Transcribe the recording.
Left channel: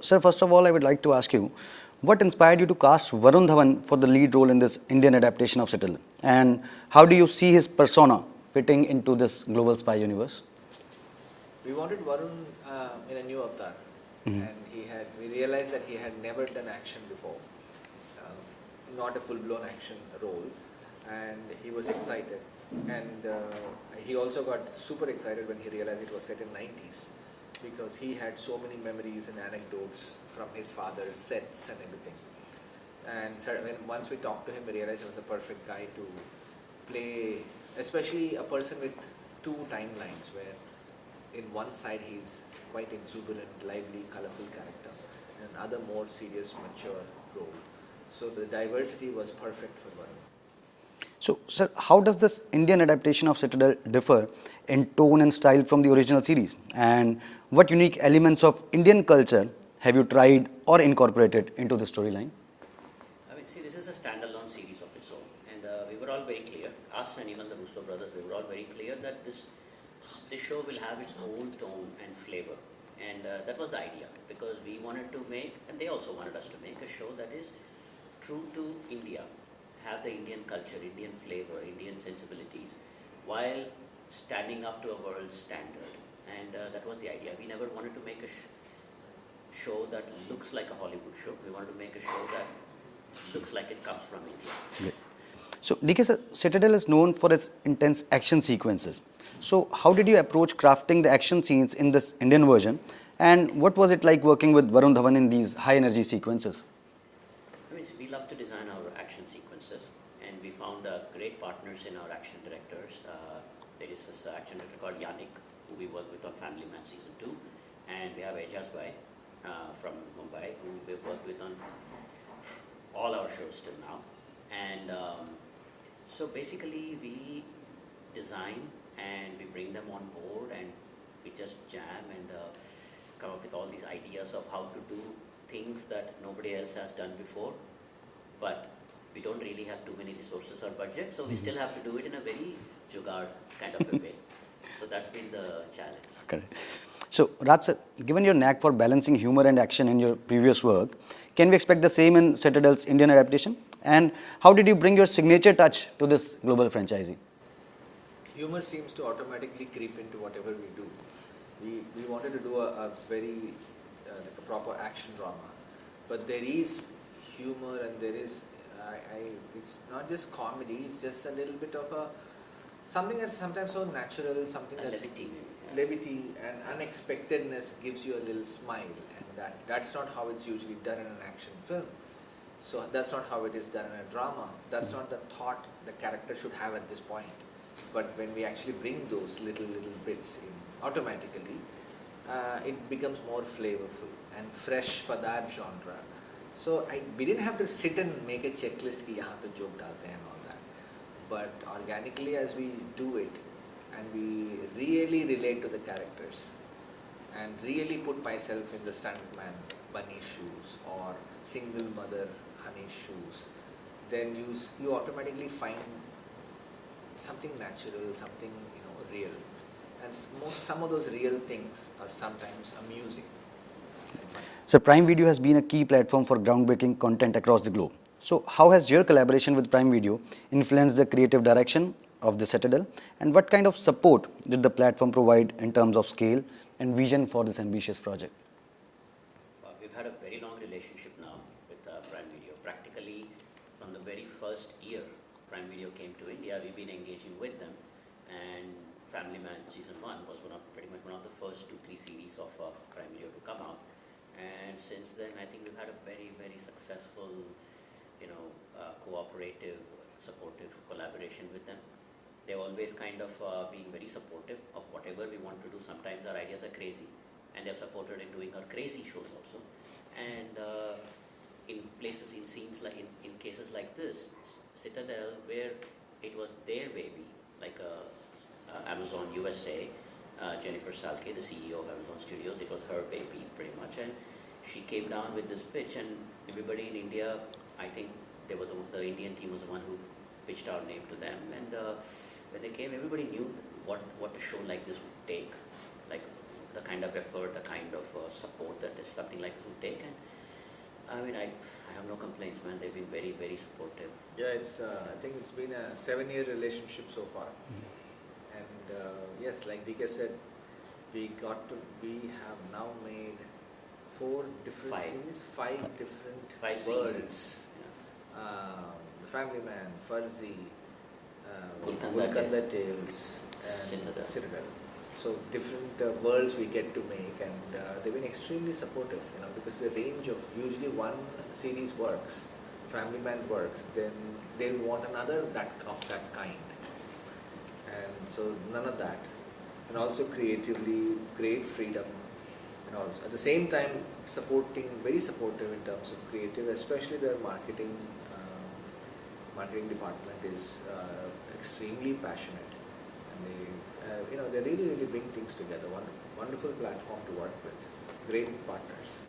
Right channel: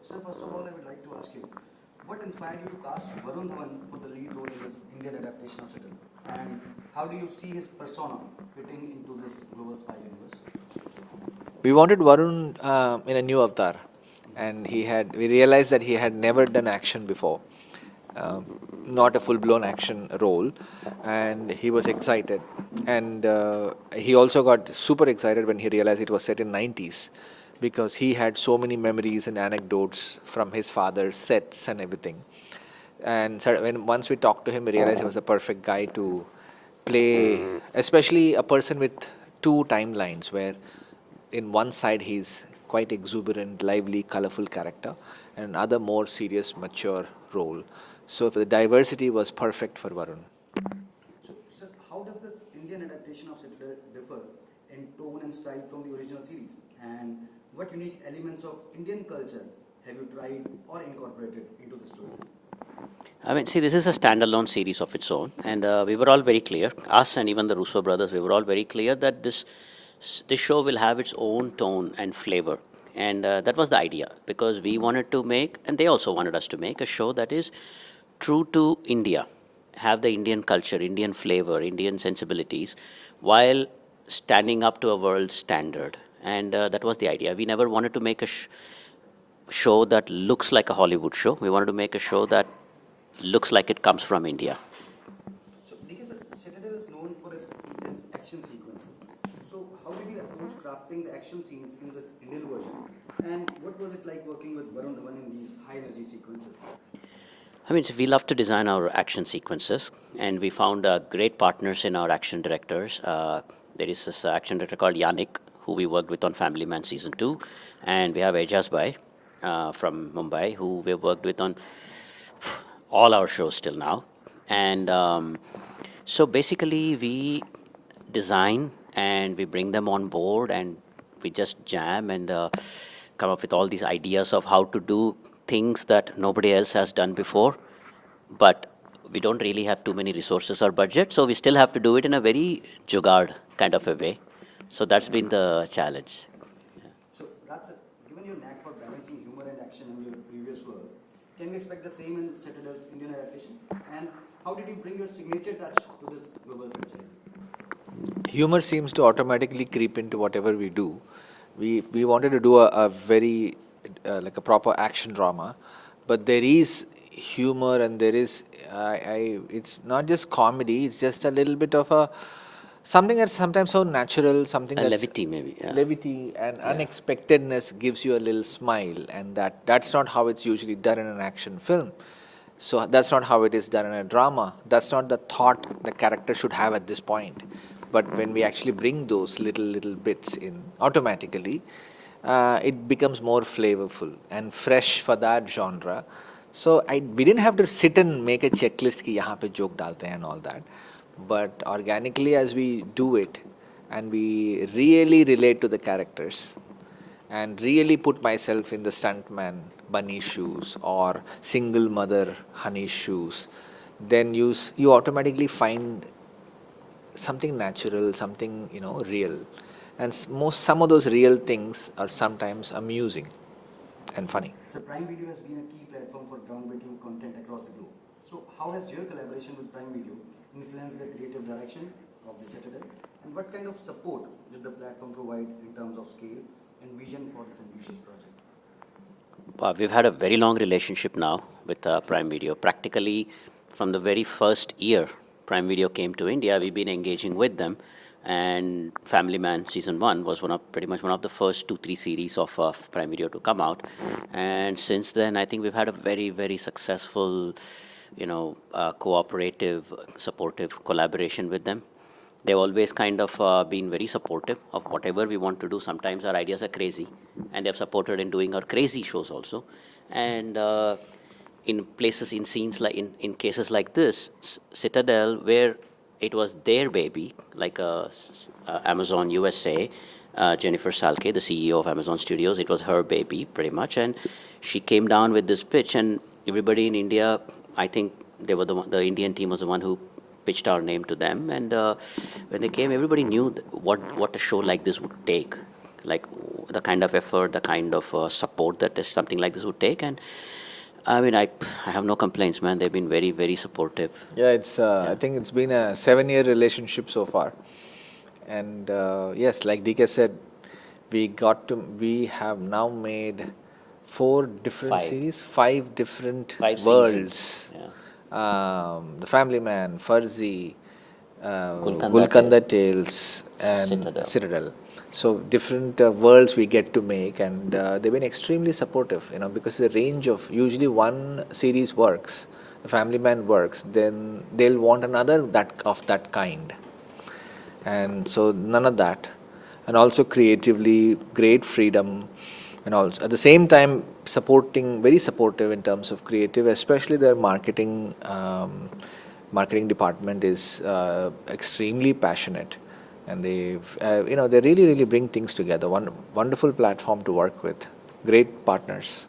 Sir, first of all, I would like to ask you, what inspired you to cast Varun Dhawan for the lead role in this Indian adaptation of Citadel? And how do you see his persona fitting into this global spy universe? We wanted Varun in a new avatar, and we realized that he had never done action before, um, not a full-blown action role, and he was excited. And he also got super excited when he realized it was set in 90s, because he had so many memories and anecdotes from his father's sets and everything. And so once we talked to him, we realized he was the perfect guy to play, especially a person with two timelines, where in one side he's quite exuberant, lively, colorful character, and another more serious, mature role. So the diversity was perfect for Varun. So, sir, how does this Indian adaptation of Citadel differ in tone and style from the original series? And what unique elements of Indian culture have you tried or incorporated into the storyline? I mean, see, this is a standalone series of its own, and we were all very clear, us and even the Russo brothers, we were all very clear that this show will have its own tone and flavor. And that was the idea, because we wanted to make, and they also wanted us to make, a show that is true to India, have the Indian culture, Indian flavor, Indian sensibilities, while standing up to a world standard. And that was the idea. We never wanted to make a show that looks like a Hollywood show. We wanted to make a show that looks like it comes from India. Great. So, DK sir, Citadel is known for its intense action sequences. So, how did you approach crafting the action scenes in this Indian version? And what was it like working with Varun Dhawan in these high energy sequences? I mean, so we love to design our action sequences, and we found great partners in our action directors. There is this action director called Yannick, who we worked with on Family Man Season 2, and we have Ejaz Bhai from Mumbai, who we've worked with on all our shows till now. And so basically we design and we bring them on board, and we just jam and come up with all these ideas of how to do things that nobody else has done before. But we don't really have too many resources or budget, so we still have to do it in a very jugaad kind of a way. So that's been the challenge. Correct. So, Raj sir, given your knack for balancing humor and action in your previous work, can we expect the same in Citadel's Indian adaptation? And how did you bring your signature touch to this global franchisee? Humor seems to automatically creep into whatever we do. We wanted to do a very like a proper action drama, but there is humor, and there is it's not just comedy. It's just a little bit of a something that's sometimes so natural, something And that's levity maybe. Yeah. levity and unexpectedness gives you a little smile, and that's not how it's usually done in an action film. So that's not how it is done in a drama. That's not the thought the character should have at this point. But when we actually bring those little bits in automatically, it becomes more flavorful and fresh for that genre. So we didn't have to sit and make a checklist ki yahan pe joke dalte hain and all that. But organically, as we do it, and we really relate to the characters, and really put myself in the stuntman Bunny's shoes or single mother Honey's shoes, then you automatically find something natural, something real, and some of those real things are sometimes amusing and funny. So, Prime Video has been a key platform for groundbreaking content across the globe. So, how has your collaboration with Prime Video influenced the creative direction of the Citadel, and what kind of support did the platform provide in terms of scale and vision for this ambitious project? We've had a very long relationship now with Prime Video. Practically from the very first year Prime Video came to India, we've been engaging with them. And Family Man Season 1 was pretty much one of the first 2-3 series of Prime Video to come out. And since then, I think we've had a very, very successful, cooperative, supportive collaboration with them. They've always kind of been very supportive of whatever we want to do. Sometimes our ideas are crazy, and they've supported in doing our crazy shows also. And in places, in scenes like in cases like this, Citadel, where it was their baby, like Amazon USA, Jennifer Salke, the CEO of Amazon Studios, it was her baby pretty much, and she came down with this pitch, and everybody in India, I think they were the Indian team was the one who pitched our name to them, and when they came, everybody knew what a show like this would take. Like, the kind of effort, the kind of support that something like this would take. And I mean, I have no complaints, man. They've been very, very supportive. Yeah, I think it's been a 7-year relationship so far. And yes, like DK said, we have now made 4 different Five. series, 5 different 5 worlds. seasons. The Family Man, Farzi, Gulkanda Gulkanda Tales, and Citadel. So different worlds we get to make, and they've been extremely supportive. Because the range of usually one series works, the Family Man works, then they'll want another of that kind, and so none of that, and also creatively great freedom, and also at the same time very supportive in terms of creative, especially their marketing department is extremely passionate, and they really bring things together. Wonderful platform to work with, great partners.